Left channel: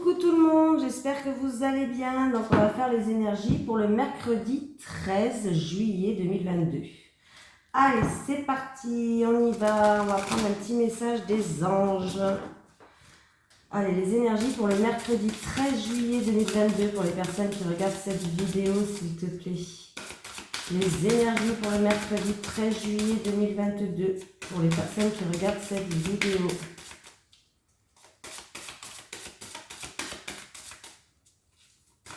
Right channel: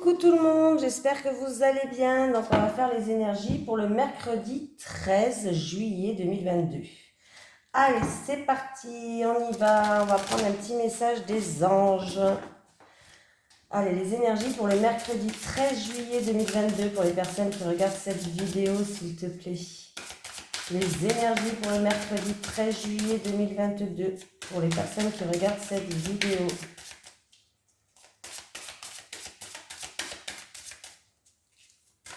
Coucou tout le monde, j'espère que vous allez bien. Donc on va faire les énergies pour le mercredi 13 juillet 2022. Allez, c'est parti, on y va. On va prendre un petit message des anges. Allez, les énergies pour le mercredi 13 juillet 2022 pour les personnes qui regardent cette vidéo, s'il te plaît. Les énergies pour le mercredi 13 juillet 2022 pour les personnes qui regardent cette vidéo.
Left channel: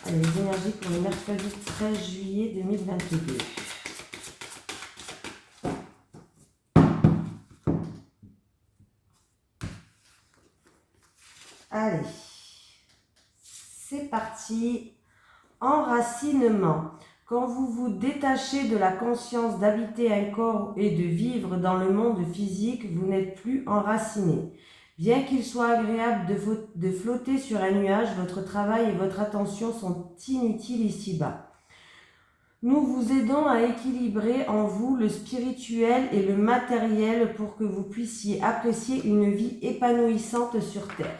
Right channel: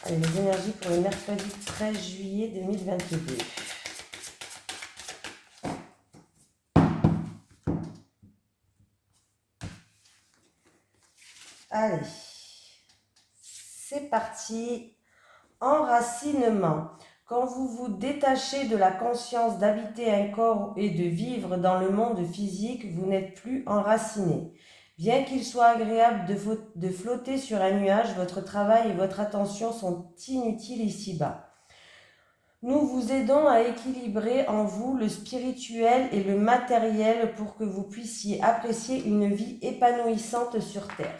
Allez, les énergies pour le mercredi 13 juillet 2022. Allez, c'est parti. Enracinement. Quand vous vous détachez de la conscience d'habiter un corps et de vivre dans le monde physique, vous n'êtes plus enraciné. Bien qu'il soit agréable de flotter sur un nuage, votre travail et votre attention sont inutiles ici-bas. Nous vous aidons à équilibrer en vous le spirituel et le matériel pour que vous puissiez apprécier une vie épanouissante sur Terre.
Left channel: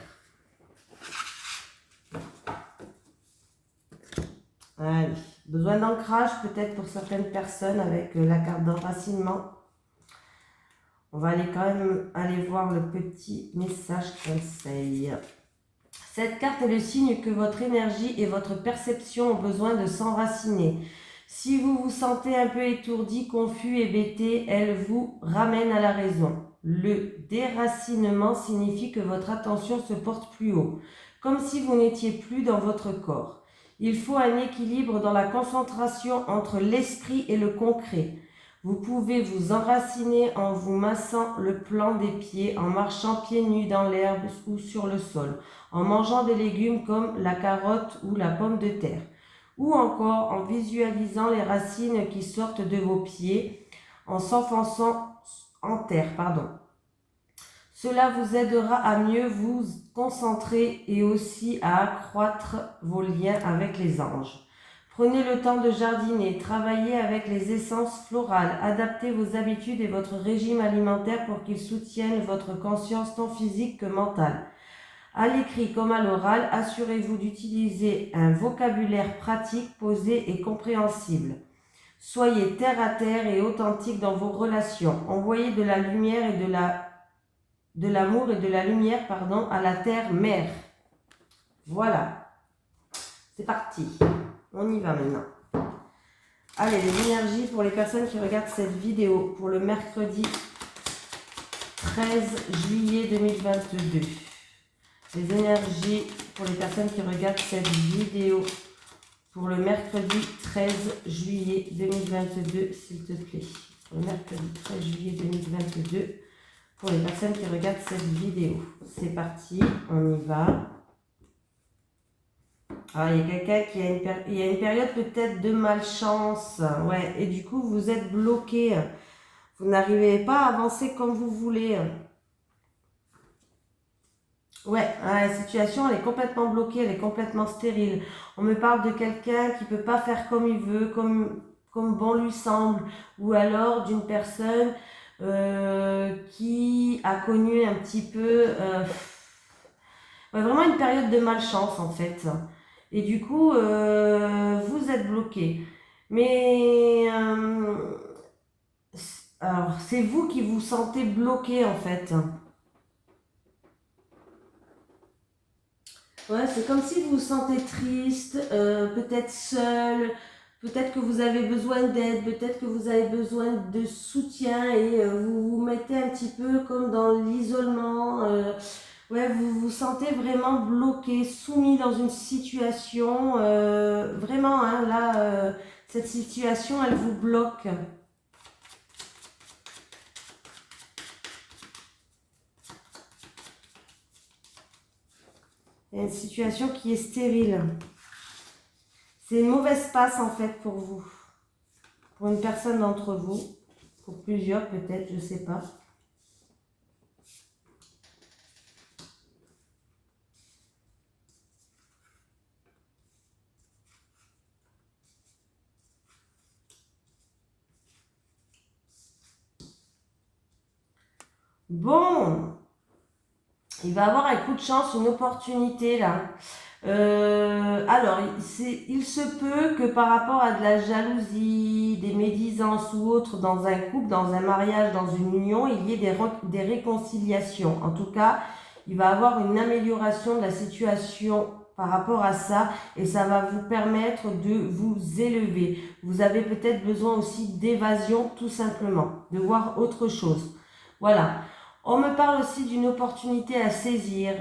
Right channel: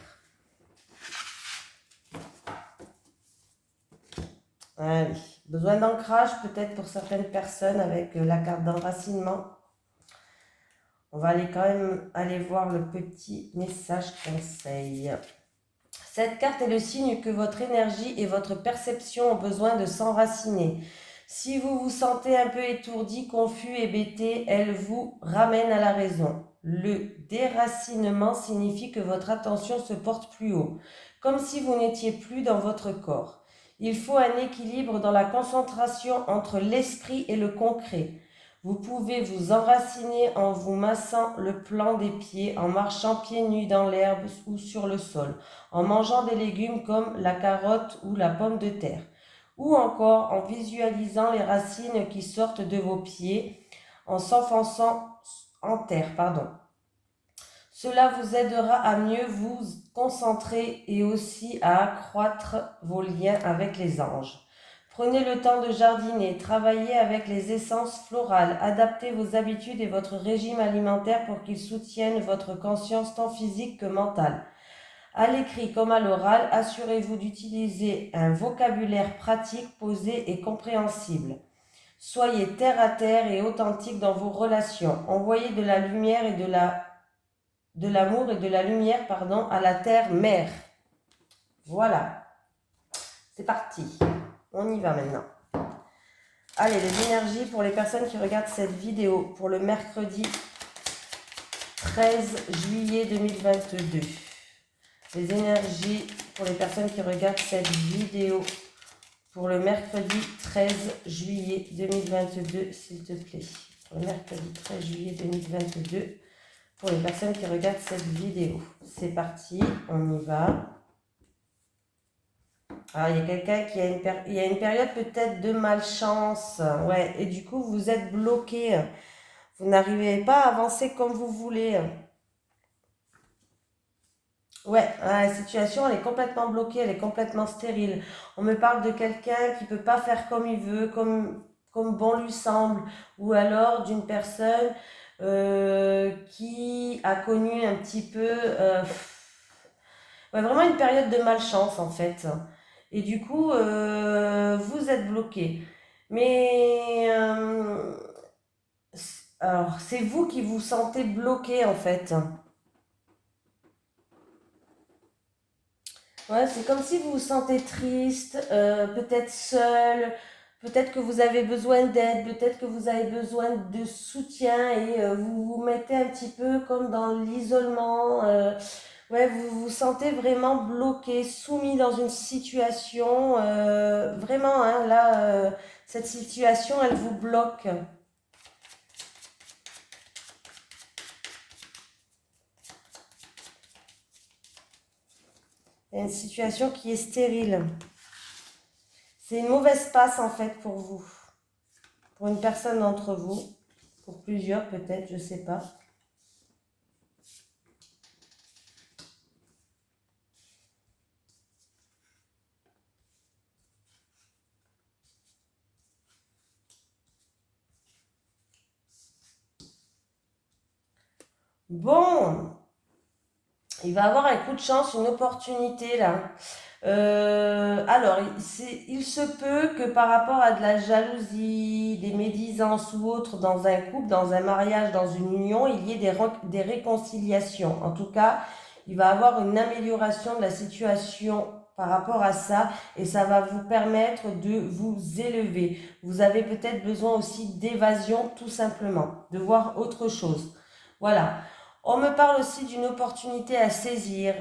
Allez, besoin d'ancrage peut-être pour certaines personnes avec la carte d'enracinement. On va aller quand même aller voir le petit message conseil. Cette carte est le signe que votre énergie et votre perception ont besoin de s'enraciner. Si vous vous sentez un peu étourdi, confus et bêté, elle vous ramène à la raison. Le déracinement signifie que votre attention se porte plus haut, comme si vous n'étiez plus dans votre corps. Il faut un équilibre dans la concentration entre l'esprit et le concret. Vous pouvez vous enraciner en vous massant le plan des pieds, en marchant pieds nus dans l'herbe ou sur le sol, en mangeant des légumes comme la carotte ou la pomme de terre, ou encore en visualisant les racines qui sortent de vos pieds en s'enfonçant en terre. Cela vous aidera à mieux vous concentrer et aussi à accroître vos liens avec les anges. Prenez le temps de jardiner, travaillez avec les essences florales, adaptez vos habitudes et votre régime alimentaire pour qu'ils soutiennent votre conscience tant physique que mentale. À l'écrit comme à l'oral, assurez-vous d'utiliser un vocabulaire pratique, posé et compréhensible. Soyez terre à terre et authentique dans vos relations. Envoyez de la lumière et de l'amour et de la lumière à la terre-mère. Voilà, c'est parti. On y va maintenant. Allez, les énergies pour les personnes qui regardent cette vidéo pour le mercredi 13 juillet 2022. Les énergies pour les personnes qui regardent cette vidéo pour le mercredi 13 juillet 2022, s'il te plaît. Pour le mercredi 13 juillet 2022, pour les personnes qui regardent cette vidéo. C'est parti, on y va. Ah, il y a quelqu'un qui a une période peut-être de malchance. Ouais, et du coup, vous êtes bloqué. Vous n'arrivez pas à avancer comme vous voulez. Ouais, la situation, elle est complètement bloquée, elle est complètement stérile. On me parle de quelqu'un qui ne peut pas faire comme il veut, comme bon lui semble, ou alors d'une personne qui a connu un petit peu, vraiment une période de malchance en fait. Et du coup, vous êtes bloqué. Mais alors, c'est vous qui vous sentez bloqué en fait. Ouais, c'est comme si vous vous sentez triste, peut-être seul, peut-être que vous avez besoin d'aide, peut-être que vous avez besoin de soutien et vous vous mettez un petit peu comme dans l'isolement. Ouais, vous vous sentez vraiment bloqué, soumis dans une situation. Vraiment, hein, là, cette situation, elle vous bloque. Il y a une situation qui est stérile. C'est une mauvaise passe en fait pour vous. Pour une personne d'entre vous. Pour plusieurs peut-être, je ne sais pas. Bon, Il va avoir un coup de chance, une opportunité là. Alors, il se peut que par rapport à de la jalousie, des médisances ou autre dans un couple, dans un mariage, dans une union, il y ait des réconciliations. En tout cas, il va avoir une amélioration de la situation par rapport à ça et ça va vous permettre de vous élever. Vous avez peut-être besoin aussi d'évasion tout simplement, de voir autre chose. Voilà. On me parle aussi d'une opportunité à saisir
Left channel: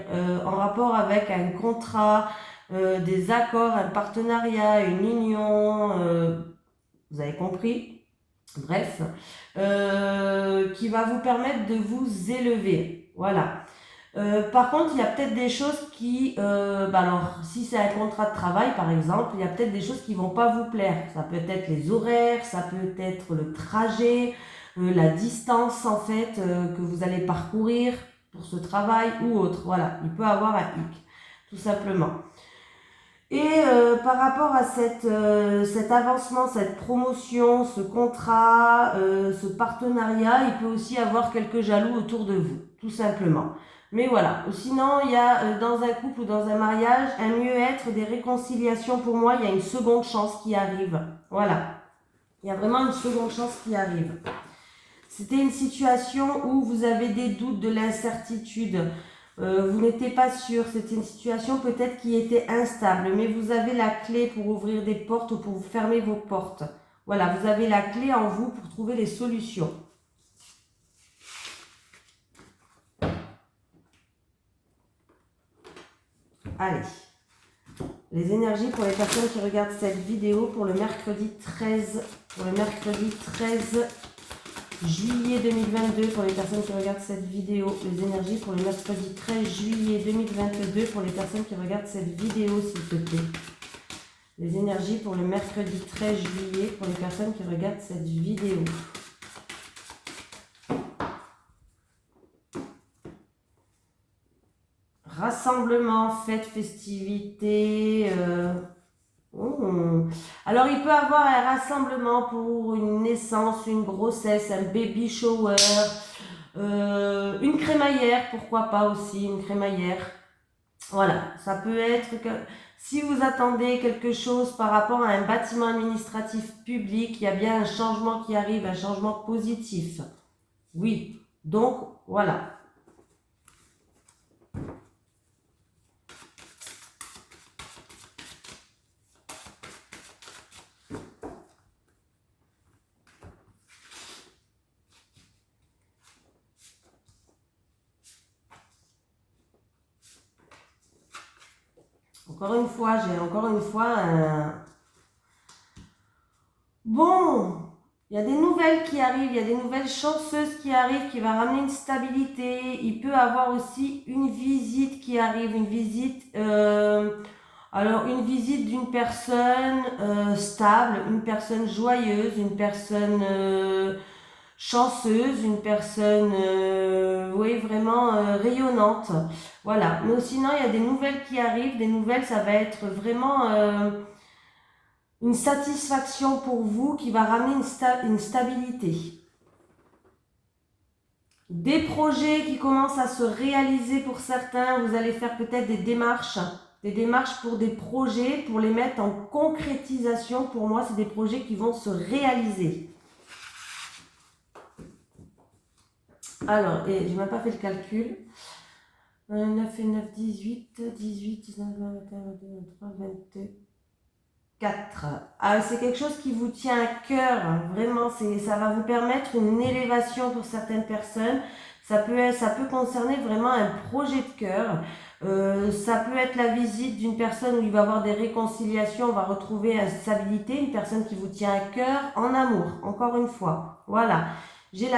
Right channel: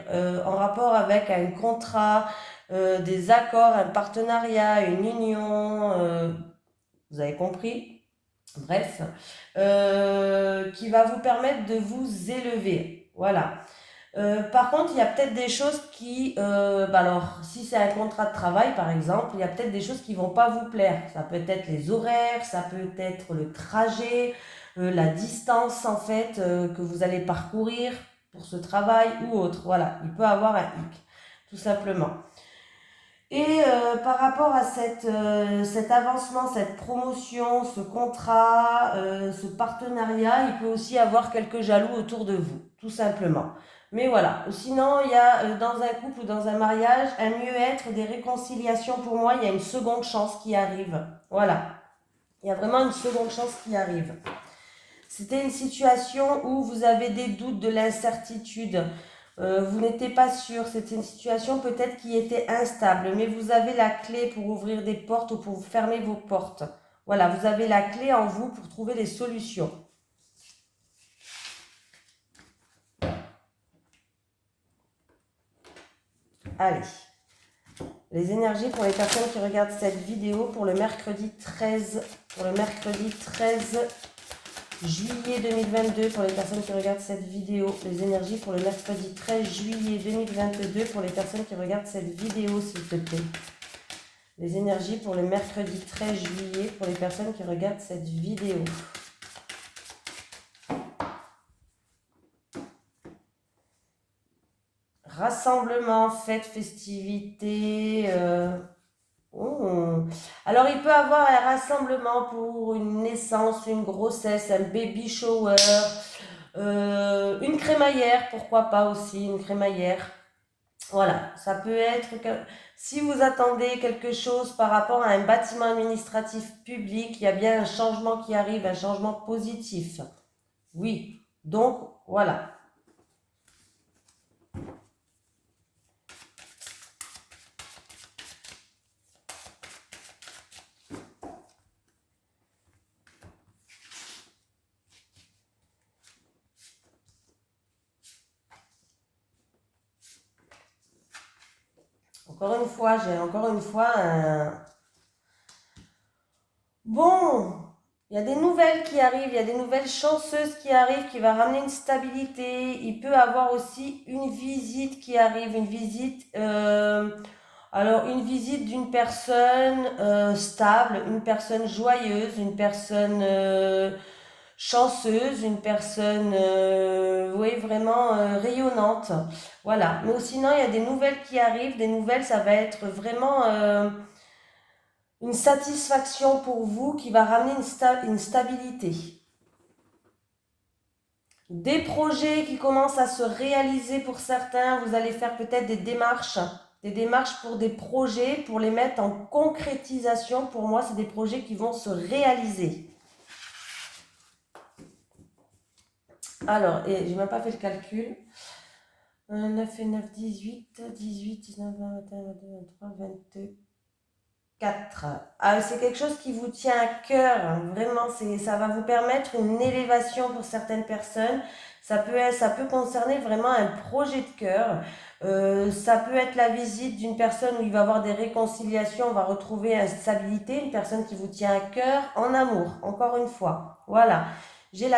en rapport avec un contrat, des accords, un partenariat, une union, vous avez compris, bref, qui va vous permettre de vous élever. Voilà. Par contre, il y a peut-être des choses qui, alors, si c'est un contrat de travail, par exemple, il y a peut-être des choses qui vont pas vous plaire. Ça peut être les horaires, ça peut être le trajet, la distance, en fait, que vous allez parcourir pour ce travail ou autre. Voilà, il peut avoir un hic, tout simplement. Et par rapport à cet avancement, cette promotion, ce contrat, ce partenariat, il peut aussi avoir quelques jaloux autour de vous, tout simplement. Mais voilà, sinon il y a dans un couple ou dans un mariage un mieux-être, des réconciliations. Pour moi, il y a une seconde chance qui arrive. Voilà, il y a vraiment une seconde chance qui arrive. C'était une situation où vous avez des doutes, de l'incertitude. Vous n'étiez pas sûr, c'était une situation peut-être qui était instable, mais vous avez la clé pour ouvrir des portes ou pour fermer vos portes. Voilà, vous avez la clé en vous pour trouver des solutions. Allez, les énergies pour les personnes qui regardent cette vidéo pour le mercredi 13 juillet 2022, pour les personnes qui regardent cette vidéo, les énergies pour le mercredi 13 juillet 2022, pour les personnes qui regardent cette vidéo, s'il te plaît. Les énergies pour le mercredi 13 juillet, pour les personnes qui regardent cette vidéo. Rassemblement, fête, festivité. Alors, il peut y avoir un rassemblement pour une naissance, une grossesse, un baby shower, une crémaillère, pourquoi pas aussi, une crémaillère. Voilà, ça peut être que si vous attendez quelque chose par rapport à un bâtiment administratif public, il y a bien un changement qui arrive, un changement positif. Oui, donc voilà. J'ai encore une fois un... Bon, il y a des nouvelles qui arrivent, il y a des nouvelles chanceuses qui arrivent, qui va ramener une stabilité. Il peut avoir aussi une visite qui arrive, une visite... alors, une visite d'une personne stable, une personne joyeuse, une personne chanceuse, une personne, oui, vraiment rayonnante. Voilà. Mais sinon, il y a des nouvelles qui arrivent. Des nouvelles, ça va être vraiment une satisfaction pour vous qui va ramener une stabilité. Des projets qui commencent à se réaliser pour certains. Vous allez faire peut-être des démarches pour des projets, pour les mettre en concrétisation. Pour moi, c'est des projets qui vont se réaliser. Alors, et j'ai même pas fait le calcul. 9 et 9, 18, 18, 19, 20, 21, 22, 23, 24. Ah, c'est quelque chose qui vous tient à cœur. Vraiment, ça va vous permettre une élévation pour certaines personnes. Ça peut concerner vraiment un projet de cœur. Ça peut être la visite d'une personne où il va y avoir des réconciliations, on va retrouver une stabilité, une personne qui vous tient à cœur en amour, encore une fois. Voilà. J'ai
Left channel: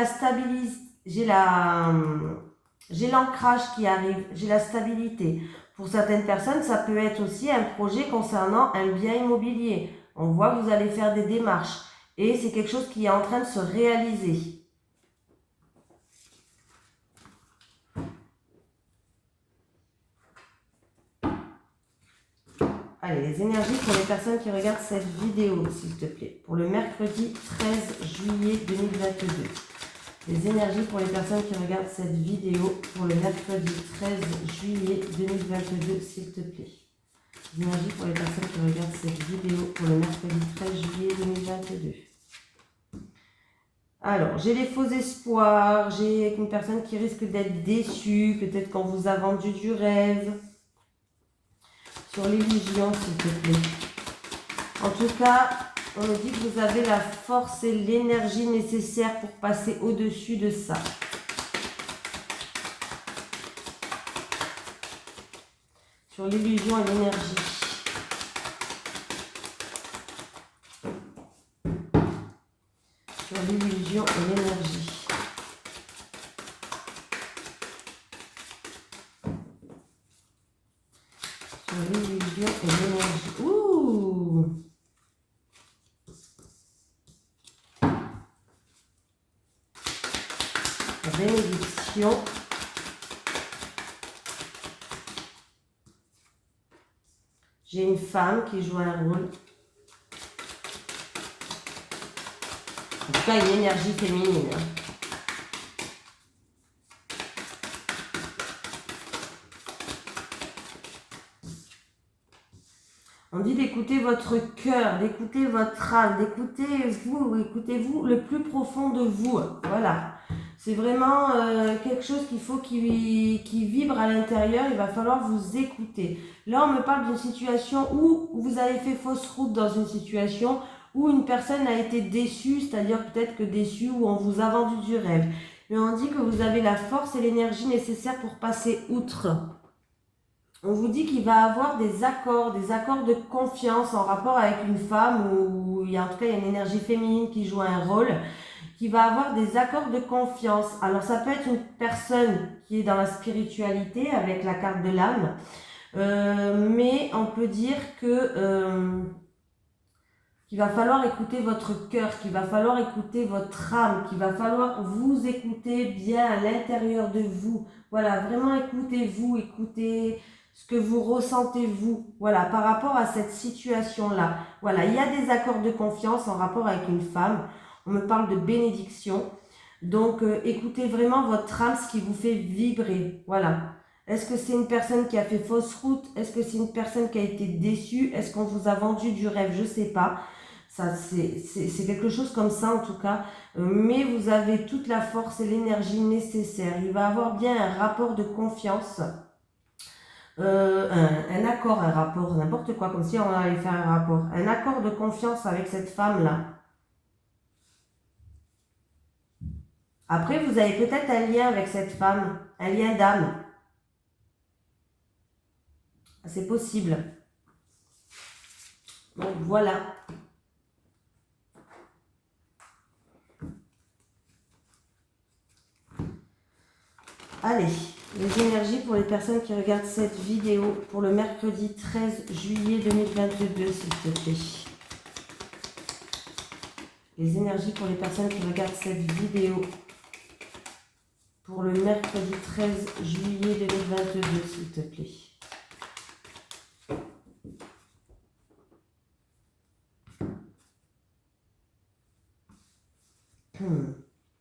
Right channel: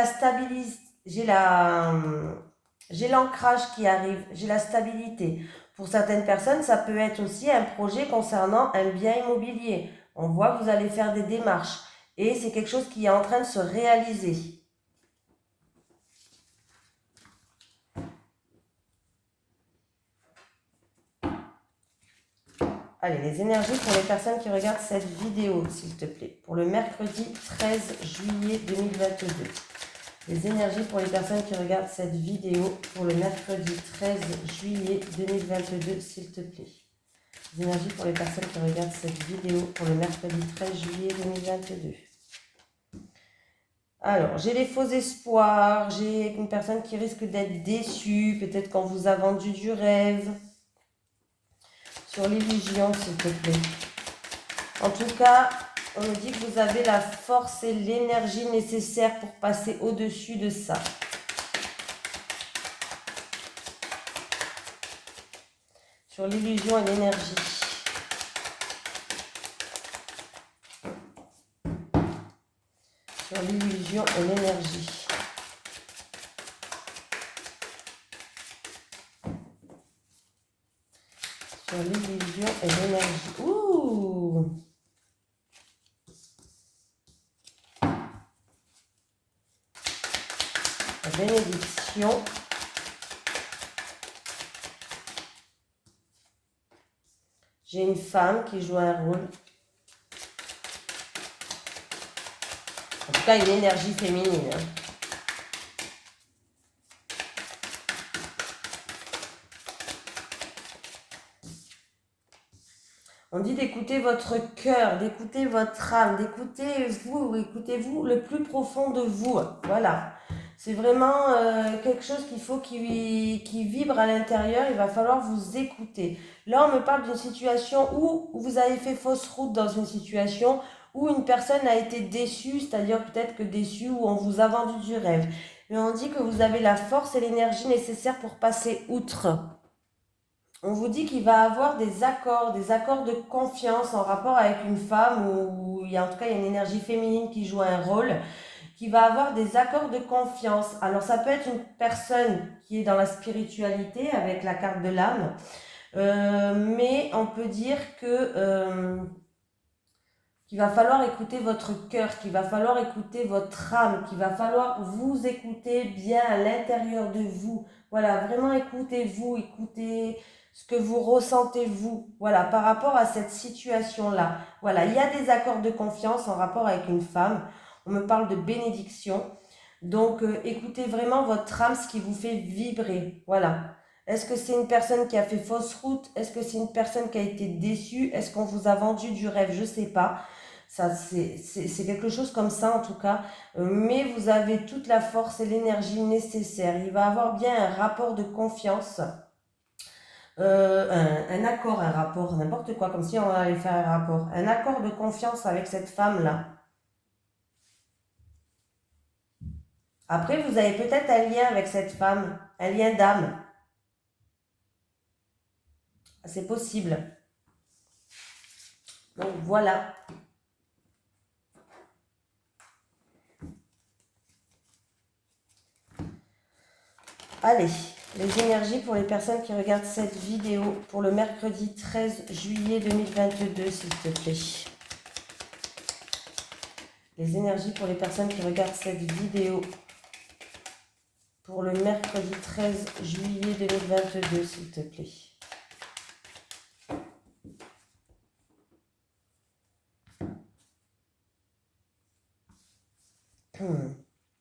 l'ancrage qui arrive, j'ai la stabilité. Pour certaines personnes, ça peut être aussi un projet concernant un bien immobilier. On voit que vous allez faire des démarches et c'est quelque chose qui est en train de se réaliser. Allez, les énergies pour les personnes qui regardent cette vidéo, s'il te plaît. Pour le mercredi 13 juillet 2022. Les énergies pour les personnes qui regardent cette vidéo pour le mercredi 13 juillet 2022, s'il te plaît. Les énergies pour les personnes qui regardent cette vidéo pour le mercredi 13 juillet 2022. Alors, j'ai les faux espoirs, j'ai une personne qui risque d'être déçue, peut-être qu'on vous a vendu du rêve. Sur l'illusion, s'il te plaît. En tout cas, on me dit que vous avez la force et l'énergie nécessaires pour passer au-dessus de ça. Sur l'illusion et l'énergie. Sur l'illusion et l'énergie. Sur l'illusion et l'énergie. Ouh! La bénédiction. J'ai une femme qui joue un rôle. En tout cas, une énergie féminine. On dit d'écouter votre cœur, d'écouter votre âme, écoutez-vous le plus profond de vous. Voilà. C'est vraiment quelque chose qu'il faut qui vibre à l'intérieur. Il va falloir vous écouter. Là, on me parle d'une situation où vous avez fait fausse route dans une situation où une personne a été déçue, c'est-à-dire peut-être que déçue, où on vous a vendu du rêve. Mais on dit que vous avez la force et l'énergie nécessaires pour passer outre. On vous dit qu'il va avoir des accords de confiance en rapport avec une femme où il y a en tout cas il y a une énergie féminine qui joue un rôle, qui va avoir des accords de confiance. Alors ça peut être une personne qui est dans la spiritualité avec la carte de l'âme, mais on peut dire que qu'il va falloir écouter votre cœur, qu'il va falloir écouter votre âme, qu'il va falloir vous écouter bien à l'intérieur de vous. Voilà, vraiment écoutez-vous, écoutez ce que vous ressentez vous, voilà, par rapport à cette situation-là. Voilà, il y a des accords de confiance en rapport avec une femme. On me parle de bénédiction. Donc, écoutez vraiment votre âme, ce qui vous fait vibrer. Voilà. Est-ce que c'est une personne qui a fait fausse route? Est-ce que c'est une personne qui a été déçue? Est-ce qu'on vous a vendu du rêve? Je ne sais pas. Ça, c'est quelque chose comme ça en tout cas. Mais vous avez toute la force et l'énergie nécessaire. Il va avoir bien un rapport de confiance. Un accord, un rapport, n'importe quoi, comme si on allait faire un rapport. Un accord de confiance avec cette femme-là. Après, vous avez peut-être un lien avec cette femme, un lien d'âme. C'est possible. Donc voilà. Allez, les énergies pour les personnes qui regardent cette vidéo pour le mercredi 13 juillet 2022, s'il te plaît. Les énergies pour les personnes qui regardent cette vidéo pour le mercredi 13 juillet 2022, s'il te plaît.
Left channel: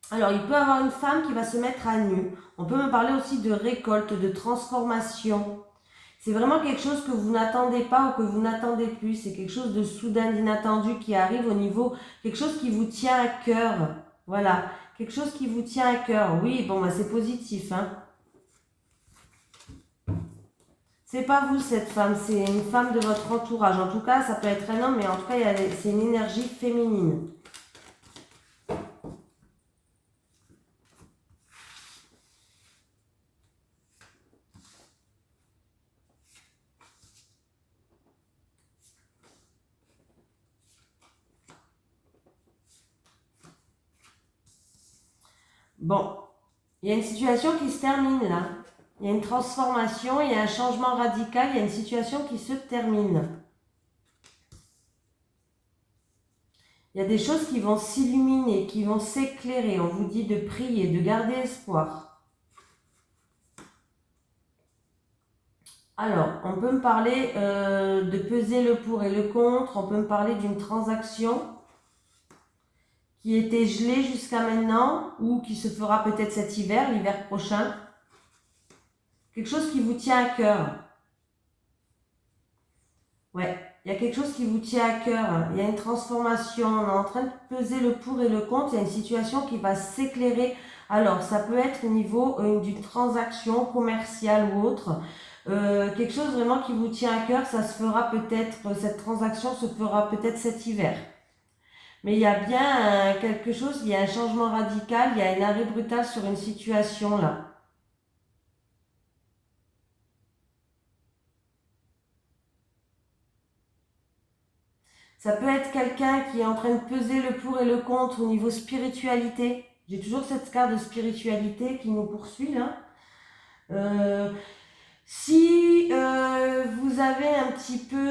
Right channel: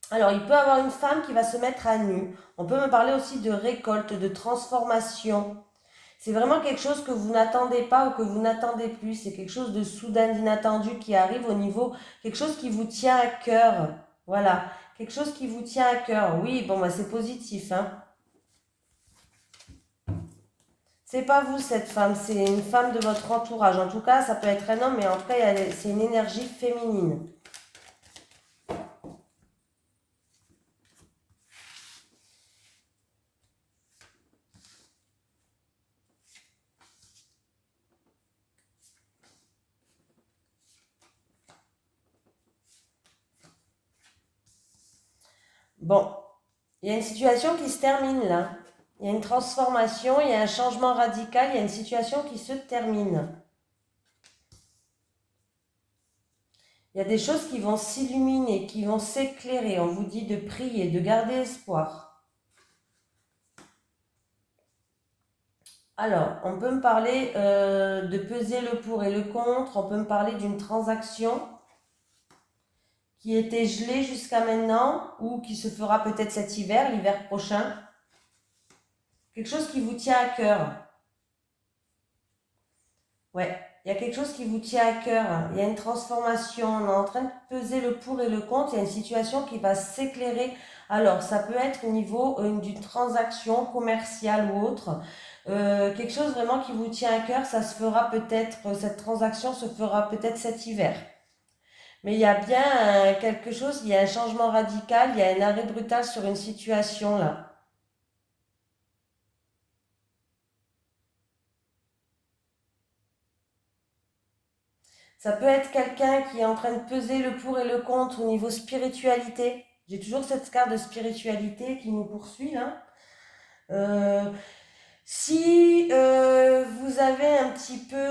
Alors, il peut y avoir une femme qui va se mettre à nu. On peut me parler aussi de récolte, de transformation. C'est vraiment quelque chose que vous n'attendez pas ou que vous n'attendez plus. C'est quelque chose de soudain, d'inattendu qui arrive au niveau, quelque chose qui vous tient à cœur. Voilà, quelque chose qui vous tient à cœur. Oui, bon, bah, c'est positif, hein. C'est pas vous cette femme, c'est une femme de votre entourage. En tout cas, ça peut être un homme, mais en tout cas, c'est une énergie féminine. Bon, il y a une situation qui se termine là. Il y a une transformation, il y a un changement radical, il y a une situation qui se termine. Il y a des choses qui vont s'illuminer, qui vont s'éclairer. On vous dit de prier, de garder espoir. Alors, on peut me parler de peser le pour et le contre. On peut me parler d'une transaction qui était gelé jusqu'à maintenant ou qui se fera peut-être cet hiver, l'hiver prochain. Quelque chose qui vous tient à cœur. Ouais, il y a quelque chose qui vous tient à cœur. Il y a une transformation. On est en train de peser le pour et le contre. Il y a une situation qui va s'éclairer. Alors, ça peut être au niveau d'une transaction commerciale ou autre. Quelque chose vraiment qui vous tient à cœur, ça se fera peut-être, cette transaction se fera peut-être cet hiver. Mais il y a bien quelque chose, il y a un changement radical, il y a un arrêt brutal sur une situation là. Ça peut être quelqu'un qui est en train de peser le pour et le contre au niveau spiritualité. J'ai toujours cette carte de spiritualité qui nous poursuit là. Si vous avez un petit peu,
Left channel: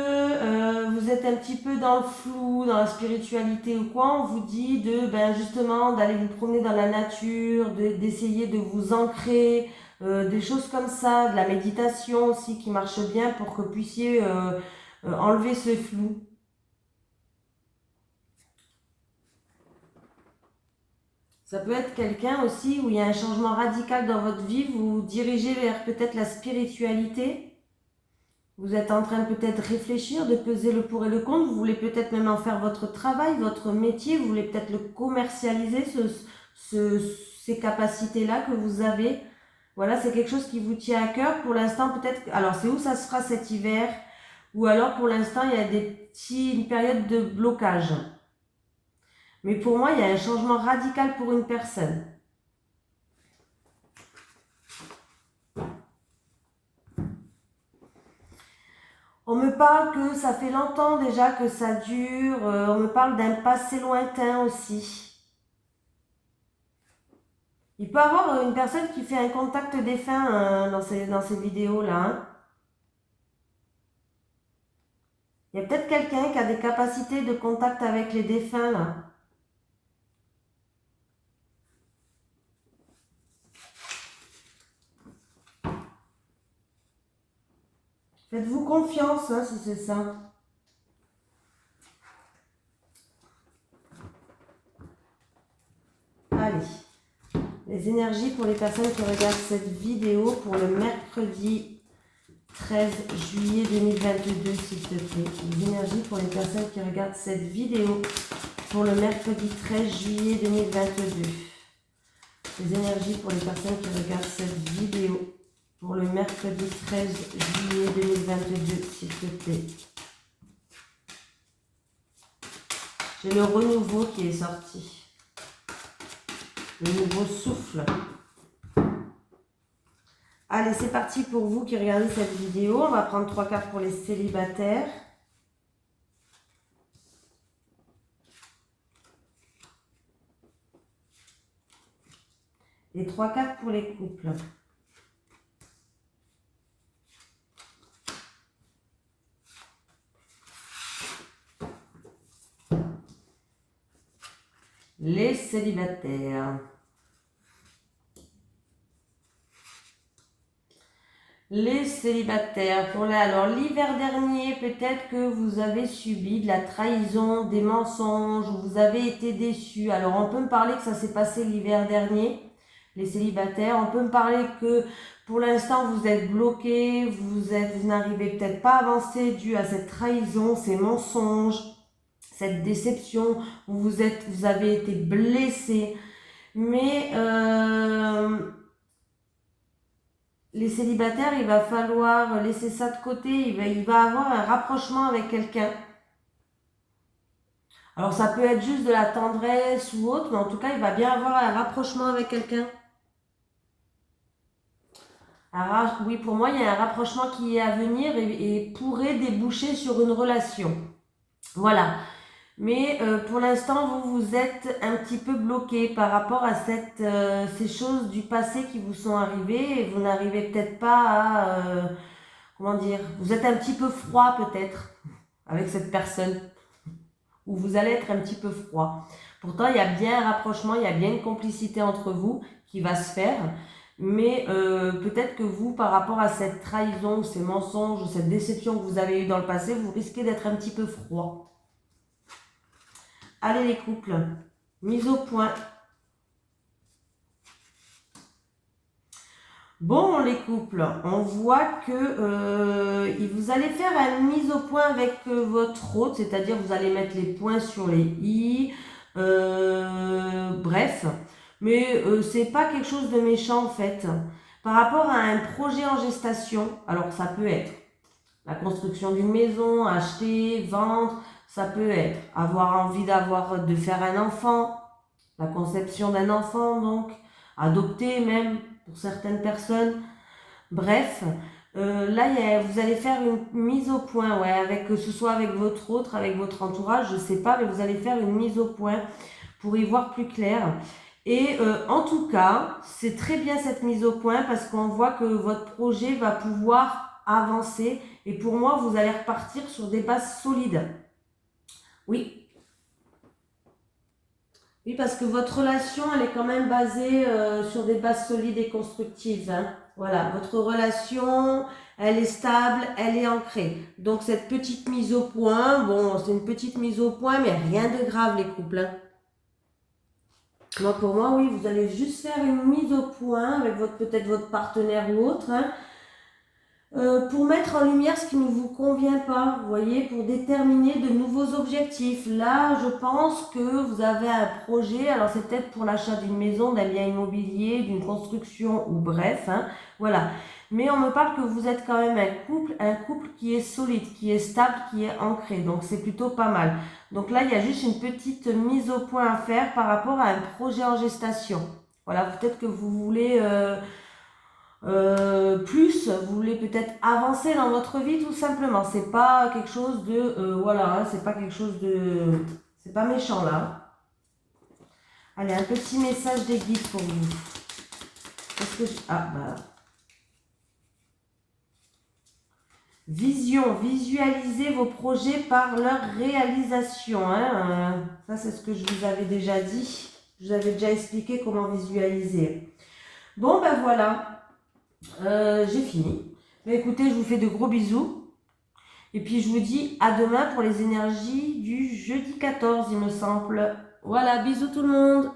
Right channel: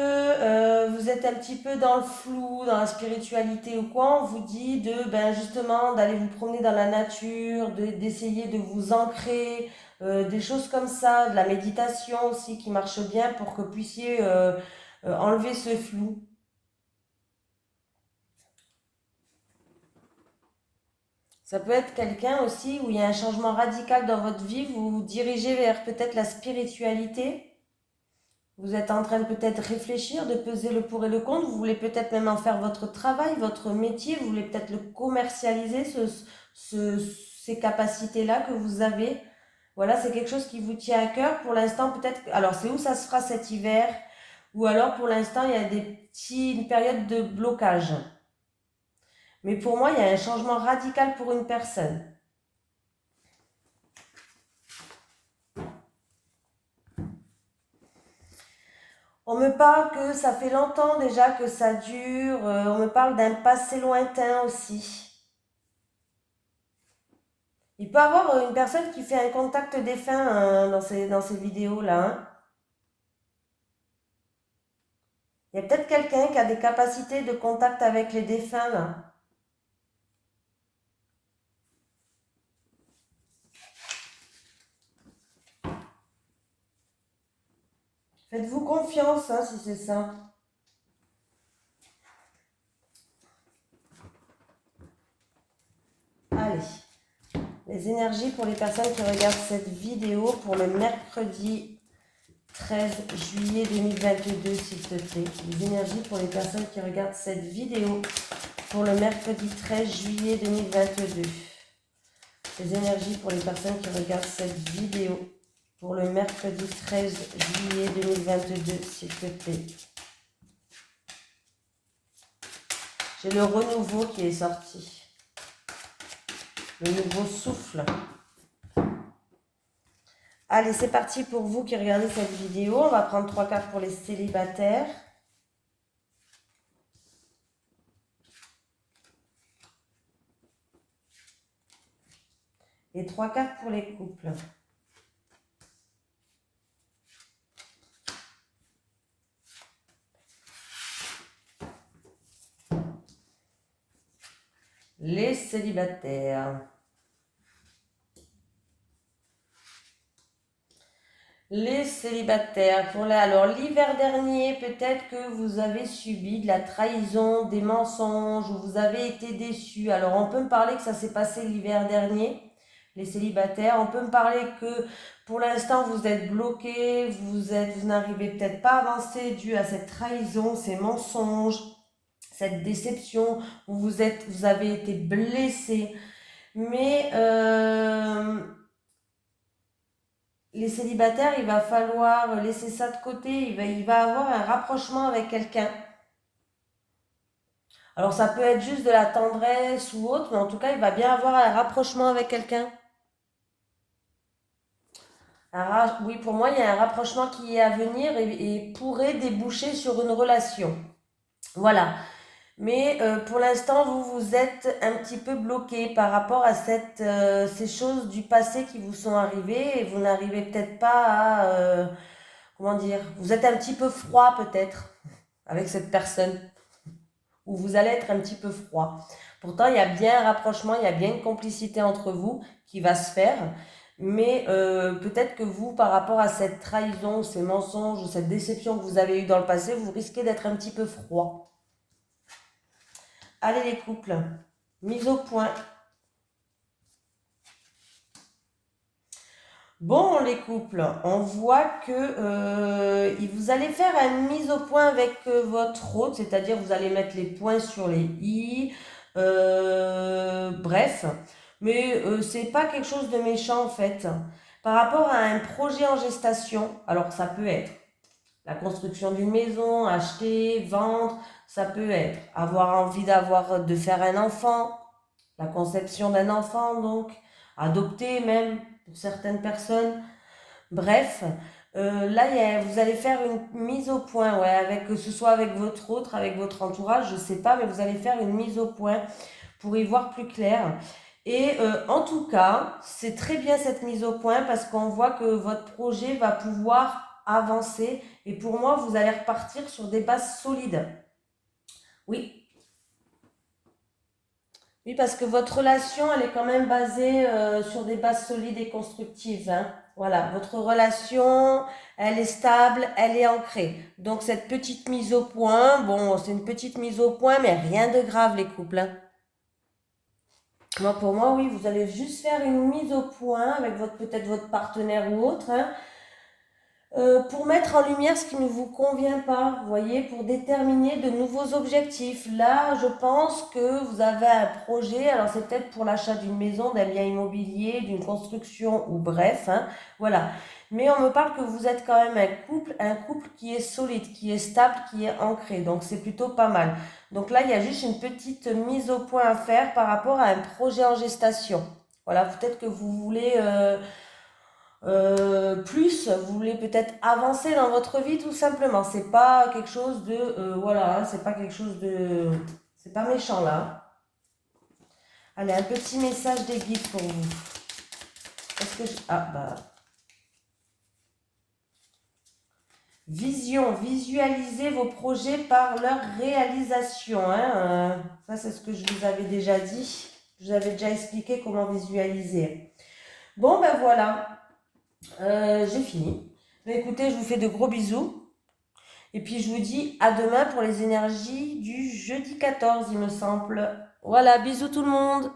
vous êtes un petit peu dans le flou, dans la spiritualité ou quoi, on vous dit de, ben justement, d'aller vous promener dans la nature, d'essayer de vous ancrer, des choses comme ça, de la méditation aussi qui marche bien pour que vous puissiez enlever ce flou. Ça peut être quelqu'un aussi où il y a un changement radical dans votre vie, vous vous dirigez vers peut-être la spiritualité. Vous êtes en train de peut-être réfléchir, de peser le pour et le contre. Vous voulez peut-être même en faire votre travail, votre métier. Vous voulez peut-être le commercialiser, ces capacités-là que vous avez. Voilà, c'est quelque chose qui vous tient à cœur. Pour l'instant, peut-être... Alors, c'est où ça se fera cet hiver? Ou alors, pour l'instant, il y a une période de blocage. Mais pour moi, il y a un changement radical pour une personne. On me parle que ça fait longtemps déjà que ça dure. On me parle d'un passé lointain aussi. Il peut y avoir une personne qui fait un contact défunt dans ces vidéos-là. Hein. Il y a peut-être quelqu'un qui a des capacités de contact avec les défunts là. Faites-vous confiance hein, si c'est ça. Allez. Les énergies pour les personnes qui regardent cette vidéo pour le mercredi 13 juillet 2022, s'il te plaît. Les énergies pour les personnes qui regardent cette vidéo pour le mercredi 13 juillet 2022. Les énergies pour les personnes qui regardent cette vidéo pour le mercredi 13 juillet 2022, s'il te plaît. J'ai le renouveau qui est sorti. Le nouveau souffle. Allez, c'est parti pour vous qui regardez cette vidéo. On va prendre 3 cartes pour les célibataires. Et 3 cartes pour les couples. Les célibataires. Les célibataires. Alors, l'hiver dernier, peut-être que vous avez subi de la trahison, des mensonges, ou vous avez été déçus. Alors, on peut me parler que ça s'est passé l'hiver dernier, les célibataires. On peut me parler que pour l'instant, vous êtes bloqués, vous n'arrivez peut-être pas à avancer dû à cette trahison, ces mensonges, cette déception, où vous avez été blessé. Mais les célibataires, il va falloir laisser ça de côté. Il va avoir un rapprochement avec quelqu'un. Alors ça peut être juste de la tendresse ou autre, mais en tout cas, il va bien avoir un rapprochement avec quelqu'un. Oui, pour moi, il y a un rapprochement qui est à venir et pourrait déboucher sur une relation. Voilà. Mais pour l'instant, vous êtes un petit peu bloqué par rapport à ces choses du passé qui vous sont arrivées et vous n'arrivez peut-être pas à, comment dire, vous êtes un petit peu froid peut-être avec cette personne ou vous allez être un petit peu froid. Pourtant, il y a bien un rapprochement, il y a bien une complicité entre vous qui va se faire. Mais peut-être que vous, par rapport à cette trahison, ces mensonges, cette déception que vous avez eue dans le passé, vous risquez d'être un petit peu froid. Allez les couples, mise au point. Bon, les couples, on voit que vous allez faire une mise au point avec votre hôte, c'est-à-dire vous allez mettre les points sur les i, bref. Mais c'est pas quelque chose de méchant en fait. Par rapport à un projet en gestation, alors ça peut être la construction d'une maison, acheter, vendre, ça peut être avoir envie de faire un enfant, la conception d'un enfant donc, adopter même pour certaines personnes. Bref, là vous allez faire une mise au point, ouais, avec, que ce soit avec votre autre, avec votre entourage, je sais pas, mais vous allez faire une mise au point pour y voir plus clair. Et en tout cas, c'est très bien cette mise au point parce qu'on voit que votre projet va pouvoir avancer. Et pour moi, vous allez repartir sur des bases solides. Oui. Oui, parce que votre relation, elle est quand même basée sur des bases solides et constructives. Hein. Voilà, votre relation, elle est stable, elle est ancrée. Donc cette petite mise au point, bon, c'est une petite mise au point, mais rien de grave les couples. Hein. Donc pour moi, oui, vous allez juste faire une mise au point avec peut-être votre partenaire ou autre, hein, pour mettre en lumière ce qui ne vous convient pas, vous voyez, pour déterminer de nouveaux objectifs. Là, je pense que vous avez un projet, alors c'est peut-être pour l'achat d'une maison, d'un bien immobilier, d'une construction ou bref, hein, voilà. Mais on me parle que vous êtes quand même un couple qui est solide, qui est stable, qui est ancré. Donc c'est plutôt pas mal. Donc là, il y a juste une petite mise au point à faire par rapport à un projet en gestation. Voilà, peut-être que vous voulez plus, vous voulez peut-être avancer dans votre vie tout simplement. C'est pas quelque chose de voilà, hein, c'est pas quelque chose de, c'est pas méchant là. Allez, un petit message des guides pour vous. Parce que ah bah vision, visualisez vos projets par leur réalisation. Hein, ça c'est ce que je vous avais déjà dit. Je vous avais déjà expliqué comment visualiser. Bon ben voilà. J'ai fini. Bah, écoutez, je vous fais de gros bisous. Et puis je vous dis à demain pour les énergies du jeudi 14, il me semble. Voilà, bisous tout le monde.